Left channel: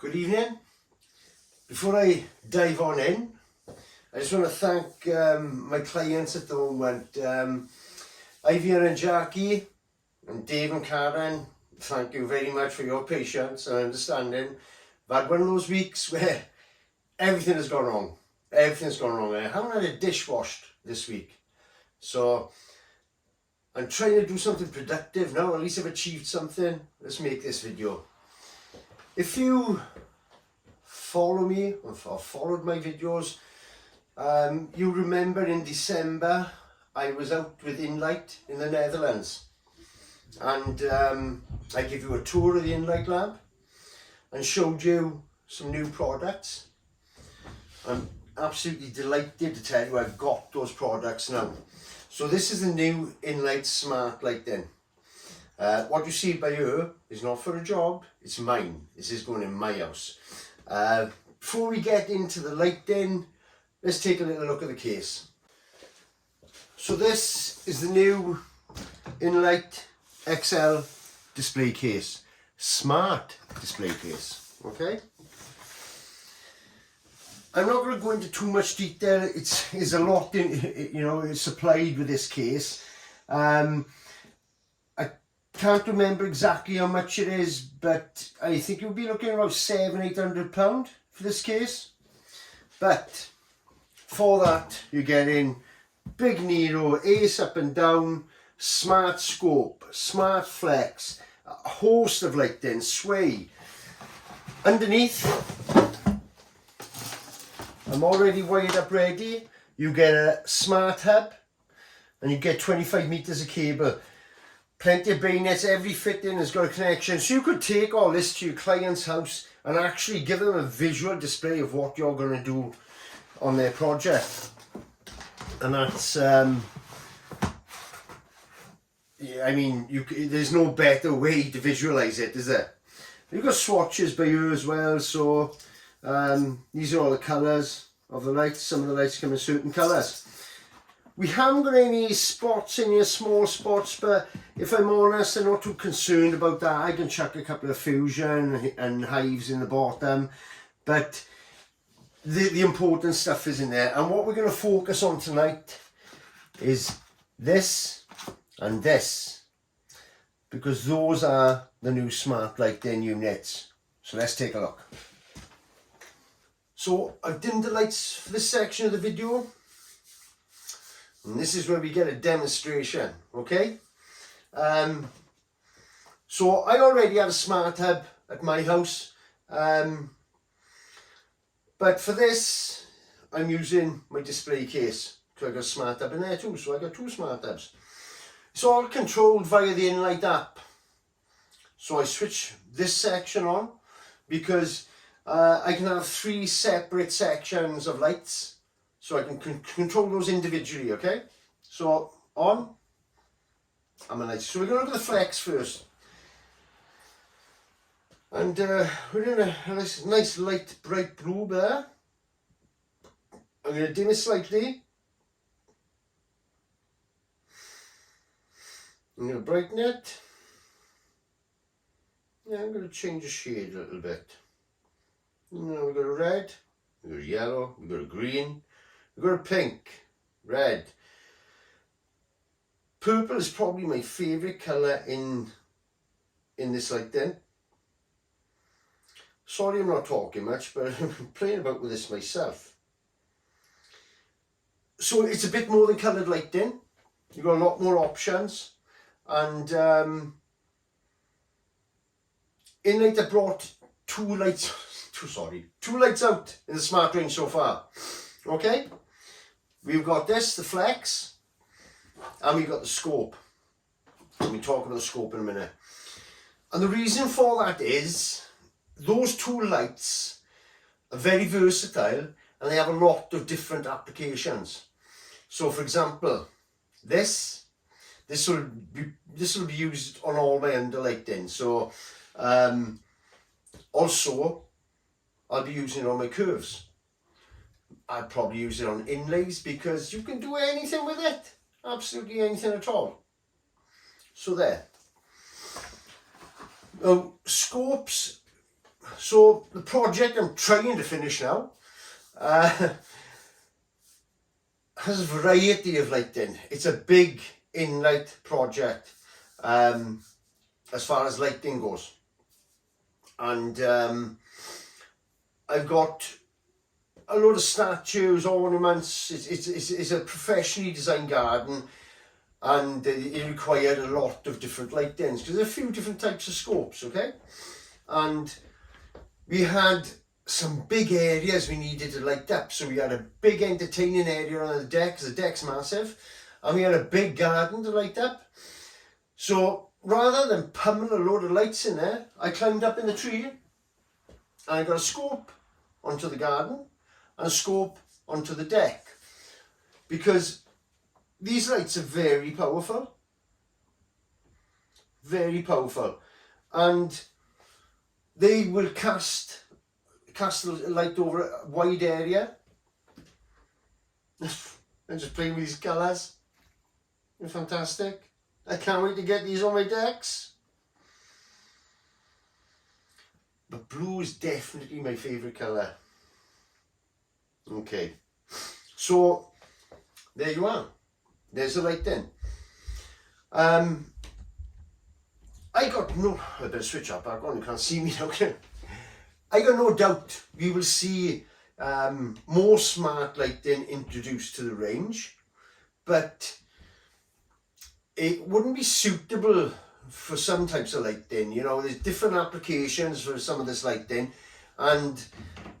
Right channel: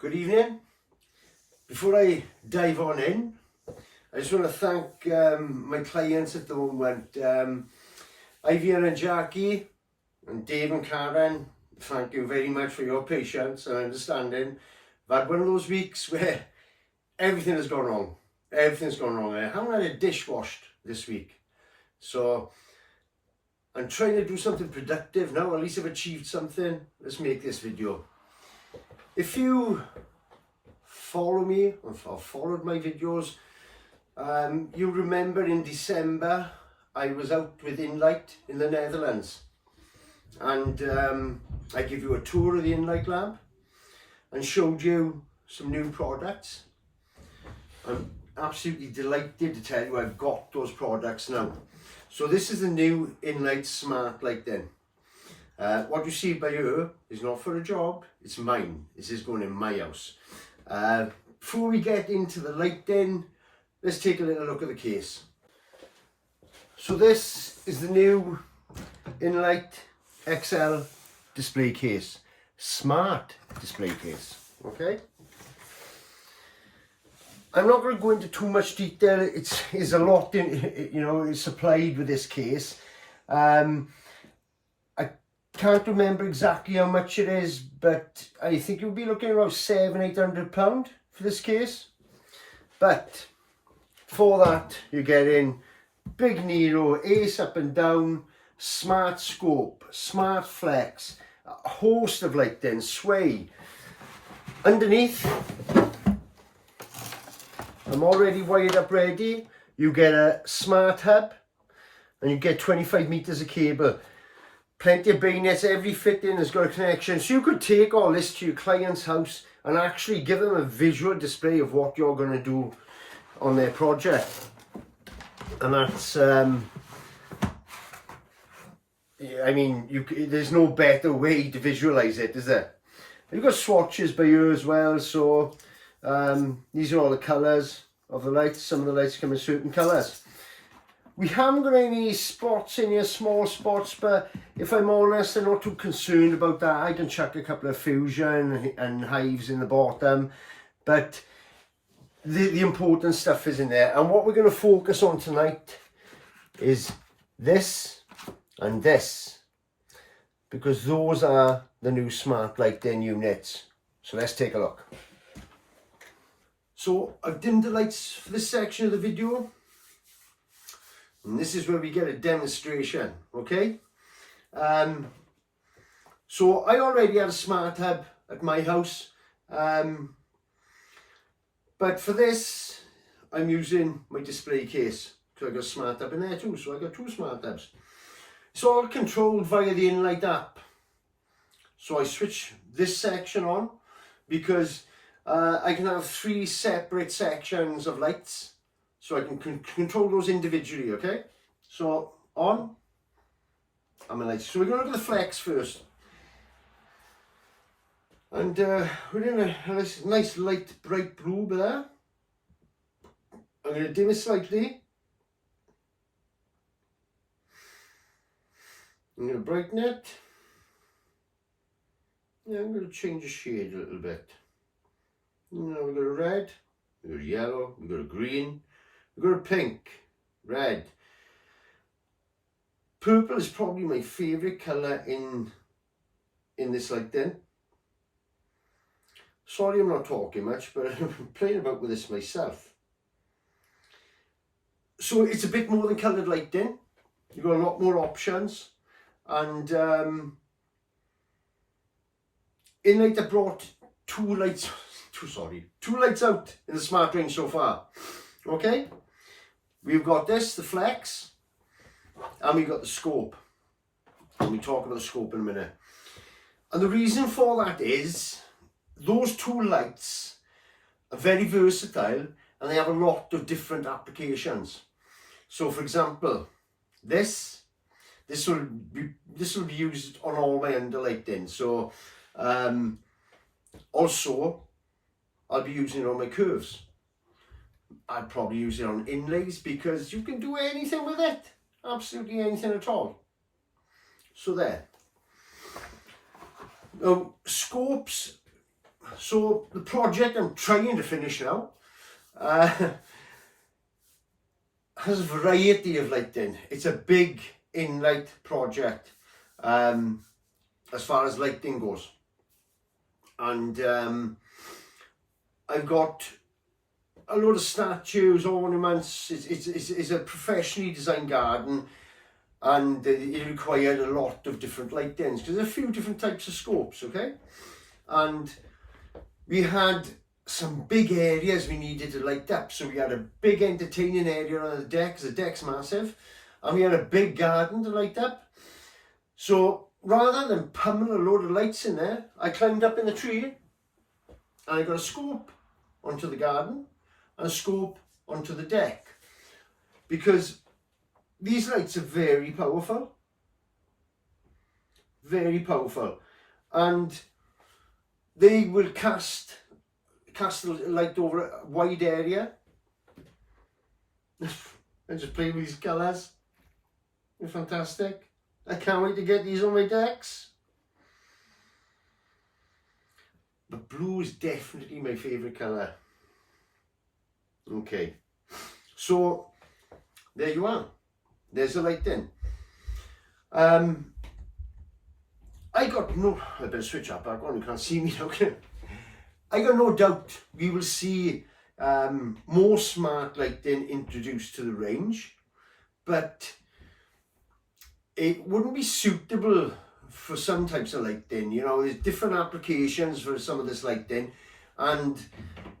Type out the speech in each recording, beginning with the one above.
Good evening. Before I dive on in, I just want to thank my clients at the moment. Ivy and Jackie and Dave and Karen, thank you very much for your patience and understanding. I've had one of those weeks where everything has gone wrong. Everything's gone wrong. I haven't had a dish washed this week. So I'm trying to do something productive now. At least I've achieved something. Let's make this video. If you follow me or followed my videos, you remember in December I was out with in-lite in the Netherlands, and I gave you a tour of the in-lite lab and showed you some new products. I'm absolutely delighted to tell you I've got those products now. So this is the new in-lite smart lighting. What you see by here is not for a job, it's mine. This is going in my house. Before we get into the lighting, let's take a little look at the case. So this is the new in-lite XL display case, smart display case, okay? I'm not going to go into too much detail. It's a lot in, it's supplied with this case. I can't remember exactly how much it is, but I think you'll be looking around £700-800 for this case. But for that, you're getting big Nero, ace up and down, smart scope, smart flex, a host of lighting, sway. Underneath, I'm already wired up ready. You get a smart hub and you get 25 meters of cable. Plenty of bayonets, every fitting has got a connection. So you could take all this to your client's house and actually give them a visual display of what you're going to do on their project. And that's, there's no better way to visualize it, is there? You've got swatches by here as well, so these are all the colours of the lights. Some of the lights come in certain colours. We haven't got any spots in here, small spots, but if I'm honest, I'm not too concerned about that. I can chuck a couple of fusion and hives in the bottom, but the important stuff is in there. And what we're going to focus on tonight is this and this, because those are the new smart lighting units. So let's take a look. So I've dimmed the lights for this section of the video, and this is where we get a demonstration, okay? So I already have a smart hub at my house, but for this I'm using my display case because I got a smart hub in there too, so I got two smart hubs. It's all controlled via the in-lite app. So I switch this section on because I can have 3 separate sections of lights, so I can control those individually, okay? So on, I'm a light. So we're going to look at the flex first. And we're in a nice light bright blue there. I'm going to dim it slightly. I'm going to brighten it. Yeah, I'm going to change the shade a little bit. Now we've got a red, we've got a yellow, we've got a green, we've got a pink, red. Purple is probably my favourite colour in this lighting. Sorry I'm not talking much, but I'm playing about with this myself. So it's a bit more than coloured lighting. You've got a lot more options. And in-lite I brought two lights out in the smart range so far. Okay, we've got this, the flex, and we've got the scope, and we'll talk about the scope in a minute. And the reason for that is those two lights are very versatile and they have a lot of different applications. So for example, this will be used on all my underlighting. So also I'll be using it on my curves. I'd probably use it on inlays because you can do anything with it, absolutely anything at all. So there. Now scopes So the project I'm trying to finish now has a variety of lighting. It's a big in-lite project as far as lighting goes, and I've got a load of statues, ornaments. It's a professionally designed garden, and it required a lot of different lightings because there's a few different types of scopes, okay? And we had some big areas we needed to light up. So we had a big entertaining area on the deck, because the deck's massive, and we had a big garden to light up. So rather than pummel a load of lights in there, I climbed up in the tree and I got a scope onto the garden and a scope onto the deck, because these lights are very powerful, and they will cast the light over a wide area. And just play with these colours. They're fantastic. I can't wait to get these on my decks. But blue is definitely my favourite colour. Okay, so there you are. There's the lighting. I better switch up back on, you can't see me now. I got no doubt we will see more smart lighting introduced to the range, but it wouldn't be suitable for some types of lighting. You know, there's different applications for some of this lighting, and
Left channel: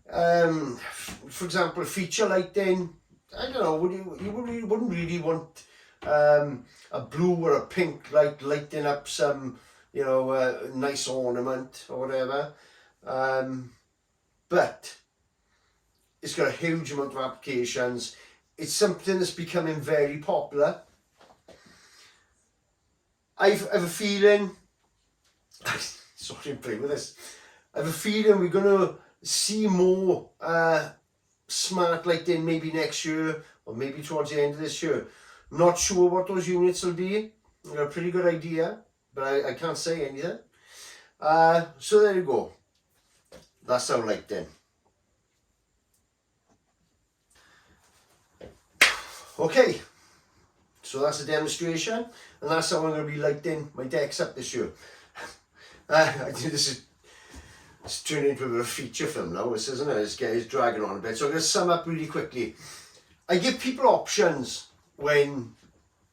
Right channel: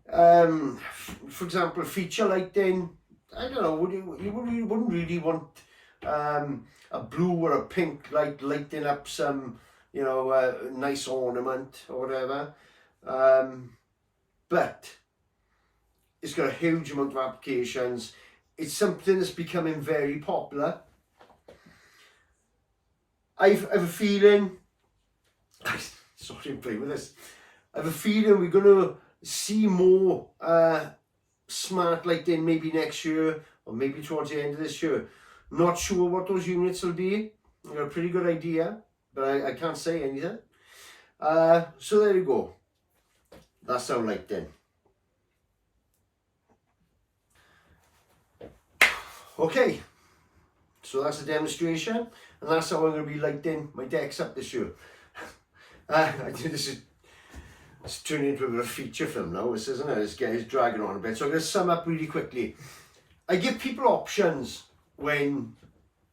for example, feature lighting, I don't know, you wouldn't really want a blue or a pink light lighting up some, you know, nice ornament or whatever. But it's got a huge amount of applications. It's something that's becoming very popular. I have a feeling, sorry to play with this, I have a feeling we're going to see more smart lighting maybe next year, or maybe towards the end of this year. Not sure what those units will be. I've got a pretty good idea, but I can't say anything. So there you go. That's our lighting. Okay, so that's a demonstration, and that's how I'm going to be lighting my decks up this year. I think it's turning into a bit of a feature film now, this, isn't it? It's dragging on a bit. So I'm going to sum up really quickly. I give people options when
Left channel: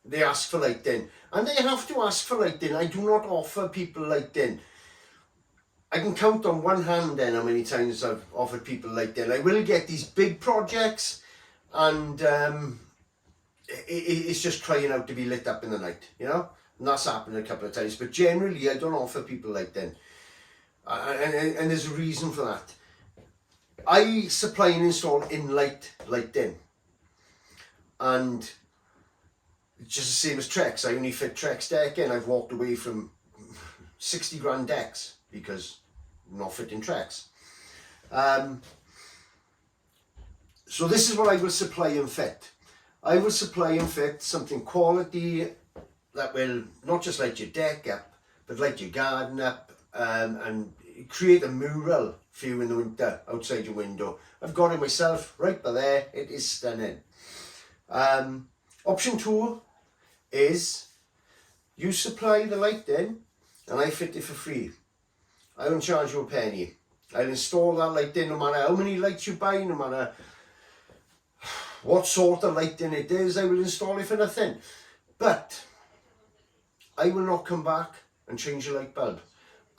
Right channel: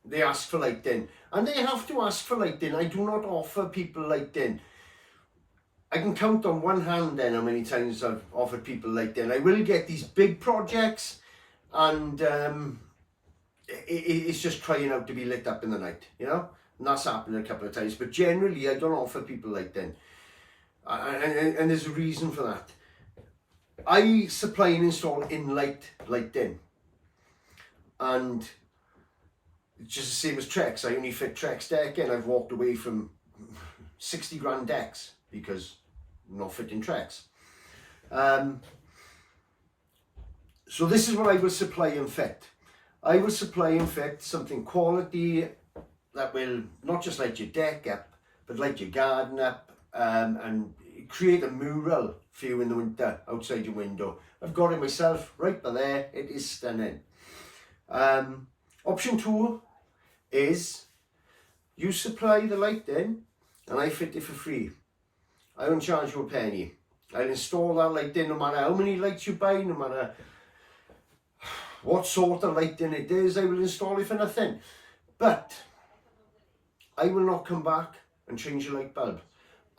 they ask for lighting, and they have to ask for lighting. I do not offer people lighting. I can count on one hand then how many times I've offered people lighting. I will get these big projects, and it's just crying out to be lit up in the night, you know, and that's happened a couple of times. But generally, I don't offer people lighting, and there's a reason for that. I supply and install in-lite lighting, and it's just the same as Trex. I only fit Trex deck in. I've walked away from 60 grand decks because I'm not fitting Trex. So this is what I will supply and fit. I will supply and fit something quality that will not just light your deck up, but light your garden up, and create a mural for you in the winter outside your window. I've got it myself right by there. It is stunning. Option 2 is you supply the lighting and I fit it for free. I won't charge you a penny. I'll install that lighting no matter how many lights you buy, no matter what sort of lighting it is. I will install it for nothing. But I will not come back and change the light bulb.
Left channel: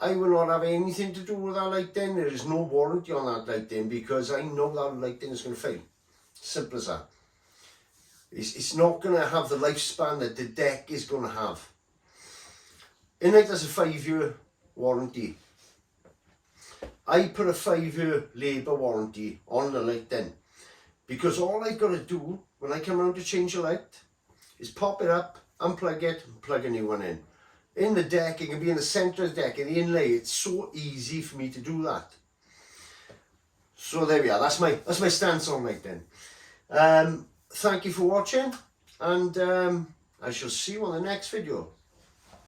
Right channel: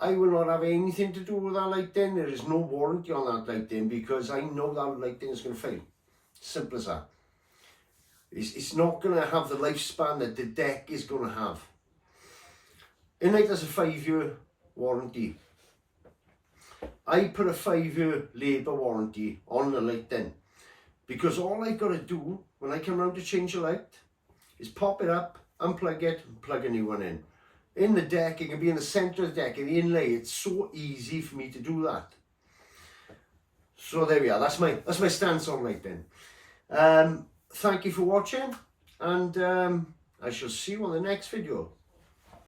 I will not have anything to do with that lighting. There is no warranty on that lighting because I know that lighting is going to fail. Simple as that. It's not going to have the lifespan that the deck is going to have. in-lite has a 5-year warranty. I put a 5-year labour warranty on the lighting because all I've got to do when I come around to change the light is pop it up, unplug it, and plug a new one in. In the deck, it can be in the centre of the deck, in the inlay. It's so easy for me to do that. So there we are. That's my stance on lighting. Thank you for watching, and I shall see you on the next video.